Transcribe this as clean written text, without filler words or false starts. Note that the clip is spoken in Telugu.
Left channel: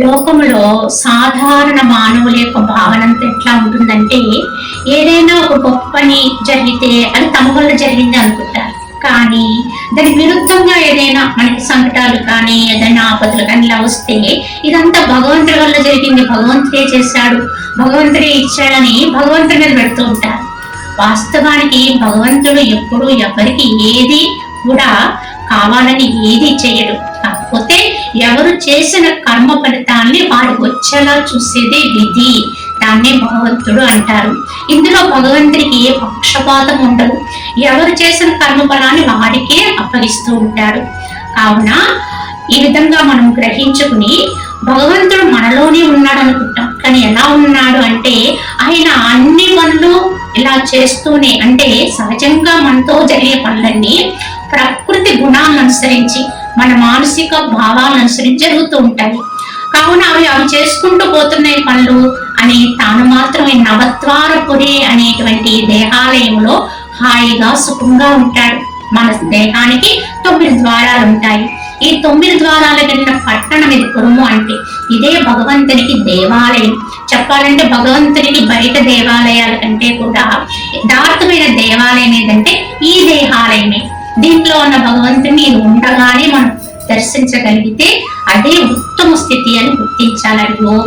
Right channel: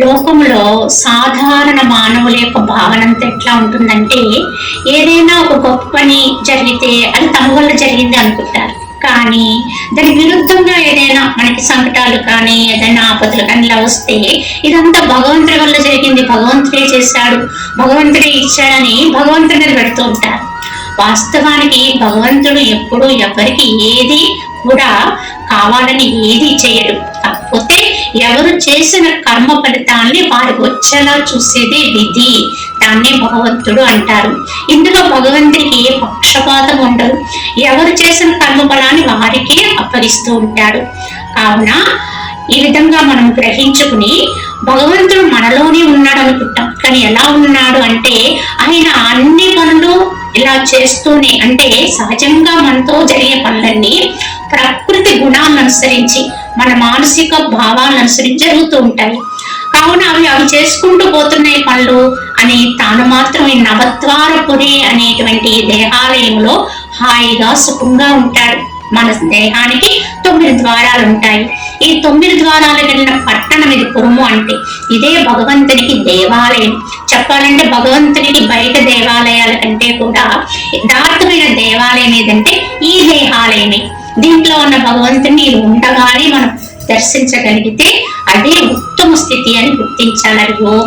లోకములో సాధారణ మానవుల యొక్క భావన అంతా ఎట్లా ఉంటుందంటే, ఏదైనా ఒక గొప్ప పని జరిగితే అది తమ వల్ల జరిగింది అనుకుంటారు. కానీ దానికి విరుద్ధంగా ఏదైనా మనకి సంకటాలు కానీ ఏదైనా ఆపదలు కానీ ఇలా వస్తే ఇదంతా భగవంతుడి వల్ల జరిగింది, భగవంతుడే చేశాడు, భగవంతుడే ఇచ్చాడని భగవంతుడి మీద పెడుతూ ఉంటారు. వాస్తవానికి భగవంతుడు ఎప్పుడు ఎవరికి ఏది కూడా కావాలని ఏది చేయడు. కాకపోతే ఎవరు చేసిన కర్మ ఫలితాన్ని వారికి వచ్చేలా చూసేదే విధి. దాన్నే భగవంతుడు అంటారు. ఇందులో భగవంతుడికి ఏ పక్షపాతం ఉండదు. ఎవరు చేసిన కర్మ ఫలాన్ని వారికే అప్పగిస్తూ ఉంటాడు. కావున ఈ విధంగా మనం గ్రహించుకుని భగవంతుడు మనలోనే ఉన్నాడు అనుకుంటాం. కానీ ఎలా ఉన్నాడు అంటే, ఆయన అన్ని పనులు ఇలా చేస్తూనే, అంటే సహజంగా మనతో జరిగే పనులన్నీ ప్రకృతి గుణాలను అనుసరించి మన మానసిక భావాలను అనుసరించి జరుగుతూ ఉంటాయి. కావున అవి చేసుకుంటూ పోతున్నాయి పనులు అని తాను మాత్రం ఈ నవద్వారపురి అనేటువంటి దేహాలయంలో హాయిగా సుఖంగా ఉంటాడు. మన దేహానికి 9 ద్వారాలు ఉంటాయి. ఈ 9 ద్వారాలు వెళ్ళిన పట్టణం ఇది పురము. అంటే ఇదే భగవంతునికి దేవాలయం. చెప్పాలంటే భగవంతునికి బయట దేవాలయాల కంటే కూడా యథార్థమైన దేవాలయం ఏదంటే ఈ దేహాలయమే. దీంట్లో ఉన్న భగవంతుని ఉండగానే మనం దర్శించగలిగితే అదే ఉత్తమ స్థితి అని గుర్తించాలని. ఓం